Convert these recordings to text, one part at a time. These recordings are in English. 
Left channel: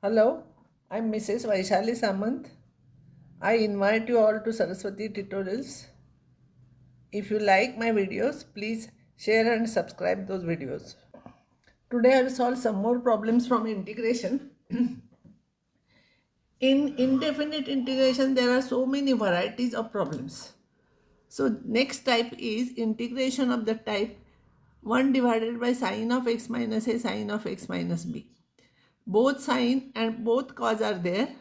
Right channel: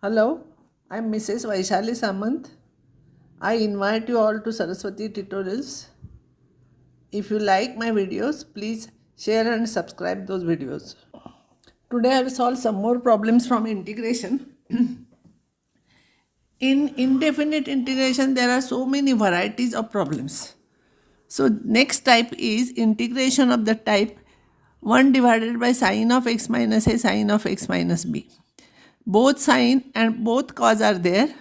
Hello, I'm Mrs. Vaishali Samant. I invite you all to Saraswati Tutorials. If you like my videos, please share and subscribe those videos. Today I will solve some more problems from integration. In indefinite integration, there are so many varieties of problems. So next type is integration of the type 1 divided by sine of x minus a sine of x minus b. Both sine and both cos are there.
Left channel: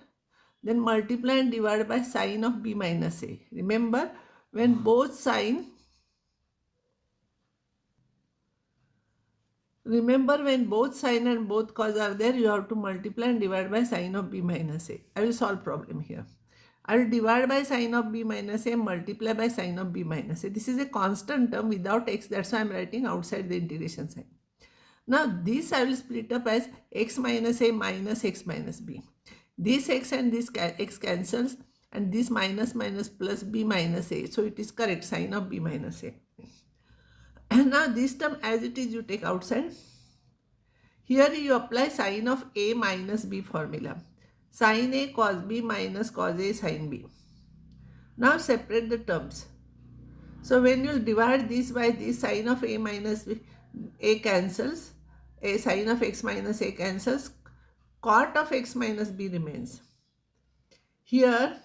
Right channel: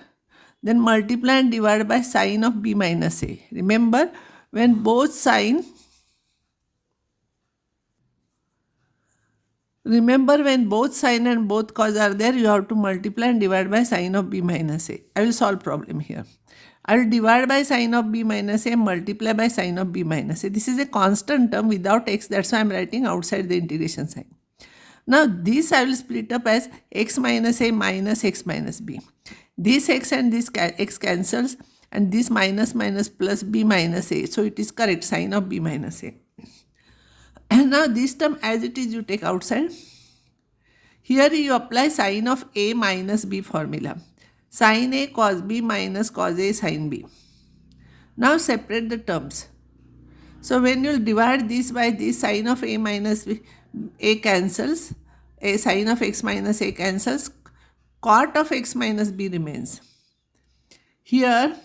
Then multiply and divide by sine of b minus a. When both sine, remember when both sine and both cos are there, you have to multiply and divide by sine of b minus a. I will solve problem here. I will divide by sine of b minus a, multiply by sine of b minus a. This is a constant term without x, that's why I am writing outside the integration sign. Now this I will split up as x minus a minus x minus b. This x and this x cancels and this minus minus plus b minus a. So it is correct, sine of b minus a. And now this term as it is you take outside. Here you apply sine of a minus b formula. Sine a cos b minus cos a sine b. Now separate the terms. So when you divide this by this, sine of a minus b, a cancels, a sine of x minus a cancels, cot of x minus b remains. Here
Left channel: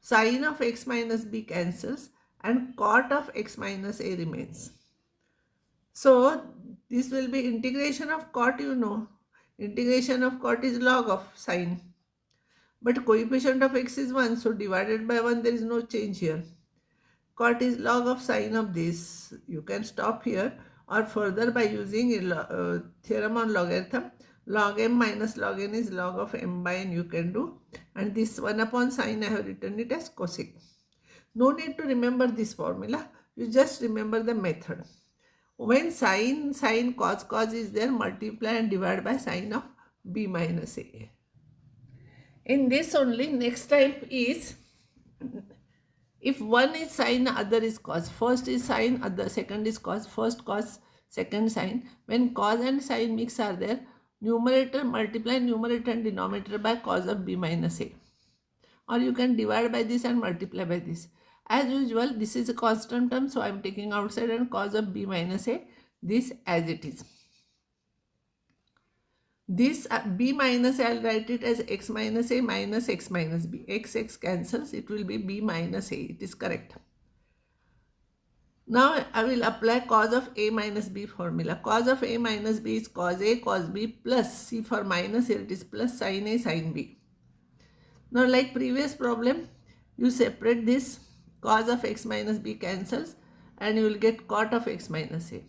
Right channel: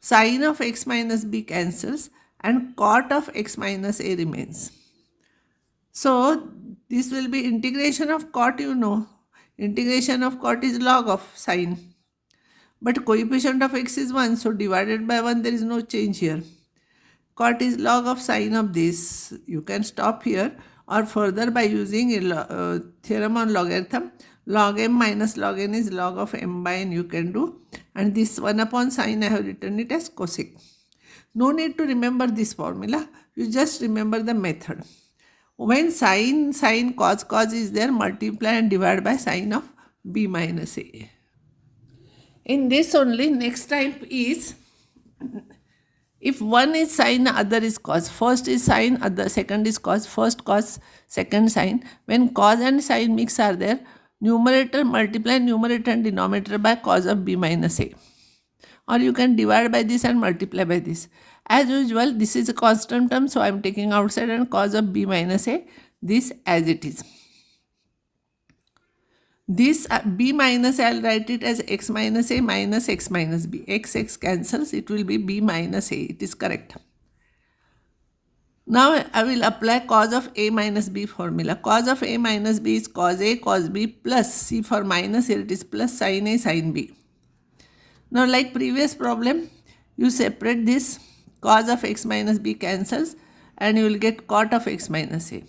sine of x minus b cancels and cot of x minus a remains. So this will be integration of cot, Integration of cot is log of sine. But coefficient of x is 1, so divided by 1 there is no change here. Cot is log of sine of this. You can stop here or further by using a theorem on logarithm. Log m minus log n is log of m by n you can do. And this 1 upon sine I have written it as cosec. No need to remember this formula. You just remember the method. When sine, cos is there, multiply and divide by sine of b minus a. In this only, next type is, if one is sine, other is cos. First is sine, other second is cos. First cos, second sine. When cos and sine mix are there, numerator multiply numerator and denominator by cos of b minus a. Or you can divide by this and multiply by this. As usual, this is a constant term, so I am taking outside and cos of b minus a, this as it is. This b minus I will write it as x minus a minus x minus b. X cancels, it will be b minus a. It is correct. Now I will apply cos of a minus b formula. Cos of a minus b is cos a cos b plus, see for minus here it is plus sin a sin b. Now like previous problem, you separate this, cos of x minus b cancels and you will get cot of x minus a.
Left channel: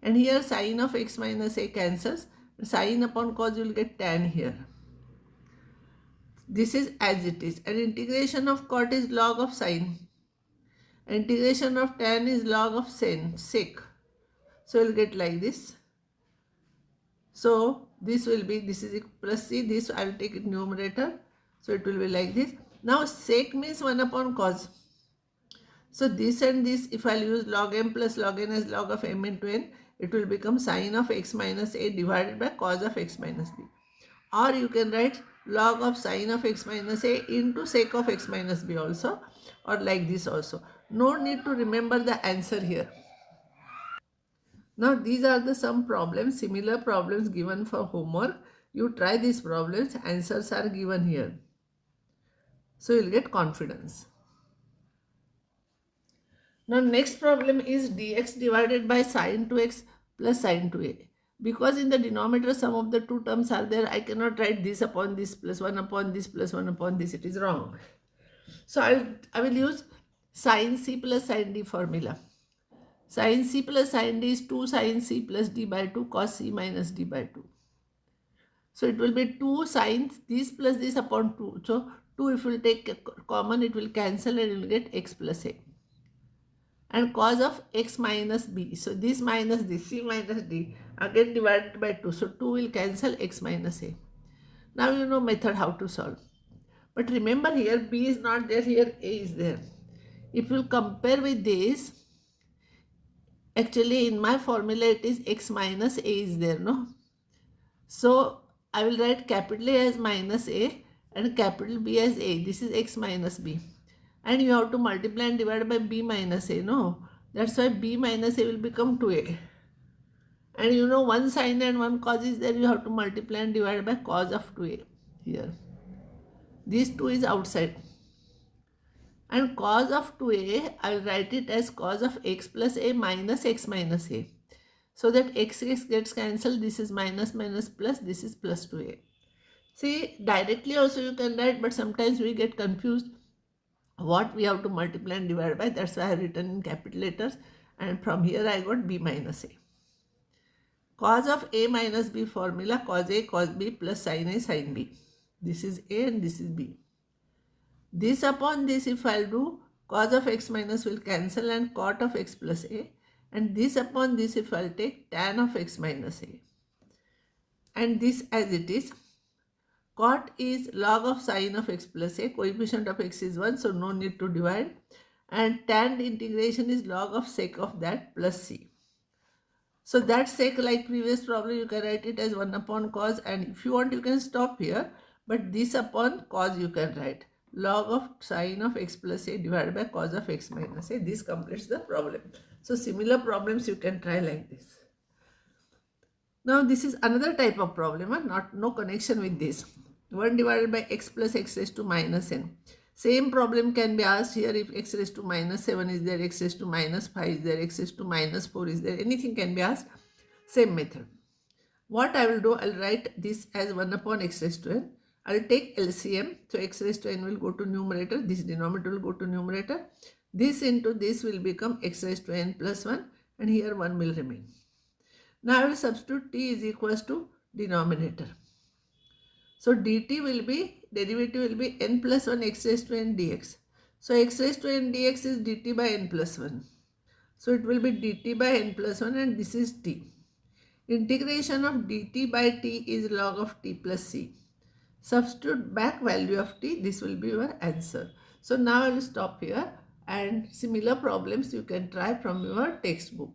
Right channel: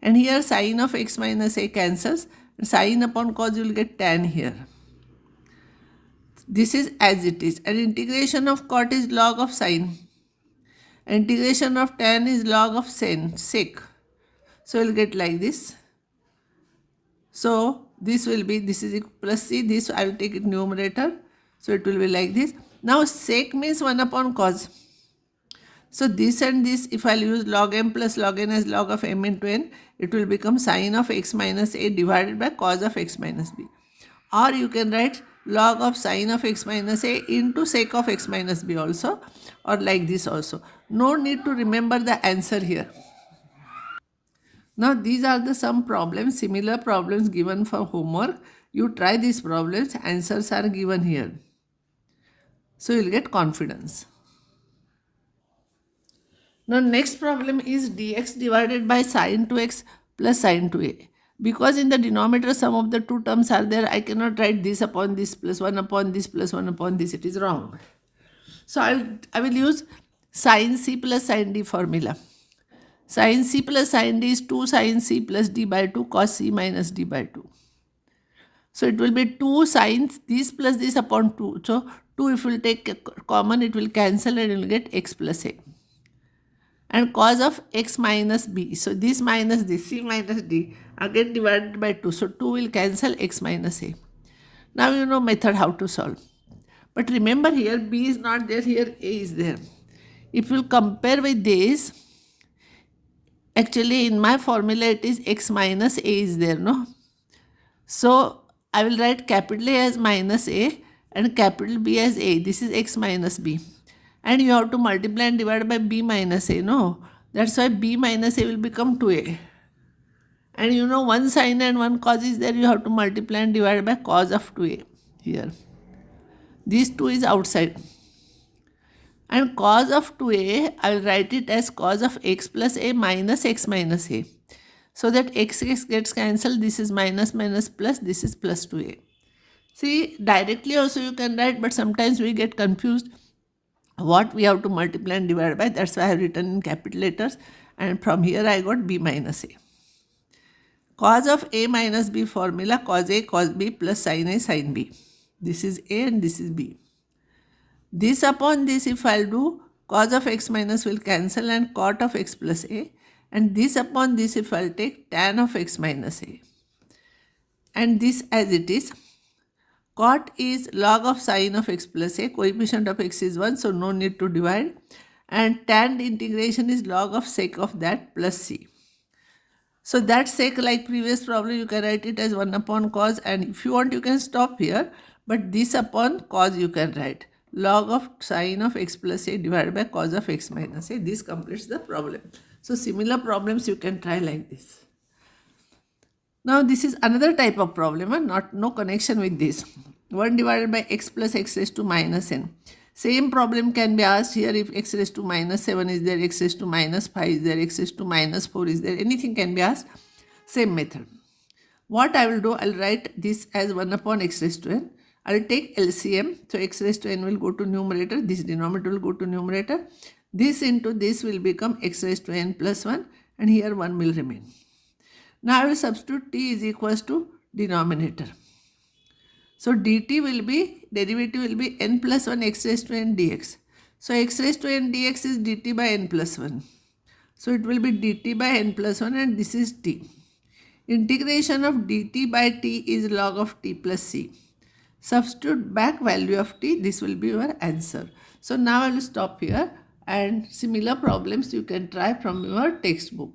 And here sin of x minus a cancels, sin upon cos you will get tan here. This is as it is. And integration of cot is log of sin. Integration of tan is log of sec. So you will get like this. So this will be, this is plus c, this I will take it numerator. So it will be like this. Now sec means 1 upon cos. So this and this, if I will use log m plus log n as log of m into n, it will become sin of x minus a divided by cos of x minus b. Or you can write log of sin of x minus a into sec of x minus b also, or like this also. No need to remember the answer here. Now these are the some problems, similar problems given for homework. You try these problems, answers are given here. So you will get confidence. Now next problem is dx divided by sine 2x plus sine 2a. Because in the denominator sum of the two terms are there, I cannot write this upon this plus 1 upon this plus 1 upon this. It is wrong. So I will use sin c plus sin d formula. Sin c plus sin d is 2 sin c plus d by 2 cos c minus d by 2. So it will be 2 sines this plus this upon 2. So 2 if you will take common, it will cancel and you will get x plus a. And cos of x minus b. So this minus this, c minus d, again divided by 2. So 2 will cancel x minus a. Now you know method how to solve. But remember here b is not there, here a is there. If you compare with this, actually in my formula it is x minus a is there, no? So I will write capital A as minus A and capital B as A. This is x minus B. And you have to multiply and divide by B minus A. No, that's why B minus A will become 2A. And you know one sine and one cos is there. You have to multiply and divide by cos of 2A here. This 2 is outside. And cos of 2A, I will write it as cos of x plus A minus x minus A. So that x gets cancelled. This is minus minus plus. This is plus 2A. See, directly also you can write, but sometimes we get confused what we have to multiply and divide by. That's why I have written in capital letters. And from here I got B minus A. Cos of A minus B formula, cos A cos B plus sin A sin B. This is A and this is B. This upon this, if I'll do, cos of x minus will cancel and cot of x plus A. And this upon this, if I'll take tan of x minus A. And this as it is. Cot is log of sin of x plus A. Coefficient of x is 1, so no need to divide. And tan integration is log of sec of that plus C. So that sec, like previous problem, you can write it as 1 upon cos. And if you want, you can stop here. But this upon cos you can write. Log of sin of x plus A divided by cos of x minus A. This completes the problem. So similar problems you can try like this. Now this is another type of problem, no connection with this. 1 divided by x plus x raised to minus n. Same problem can be asked here if x raised to minus 7 is there, x raised to minus 5 is there, x raised to minus 4 is there. Anything can be asked. Same method. What I will do, I will write this as 1 upon x raised to n. I will take LCM. So x raised to n will go to numerator. This denominator will go to numerator. This into this will become x raised to n plus 1. And here 1 will remain. Now I will substitute t is equals to denominator. So dt will be, derivative will be n plus 1 x raised to n dx. So x raised to n dx is dt by n plus 1. So it will be dt by n plus 1 and this is t. Integration of dt by t is log of t plus c. Substitute back value of t, this will be your answer. So now I will stop here and similar problems you can try from your textbook.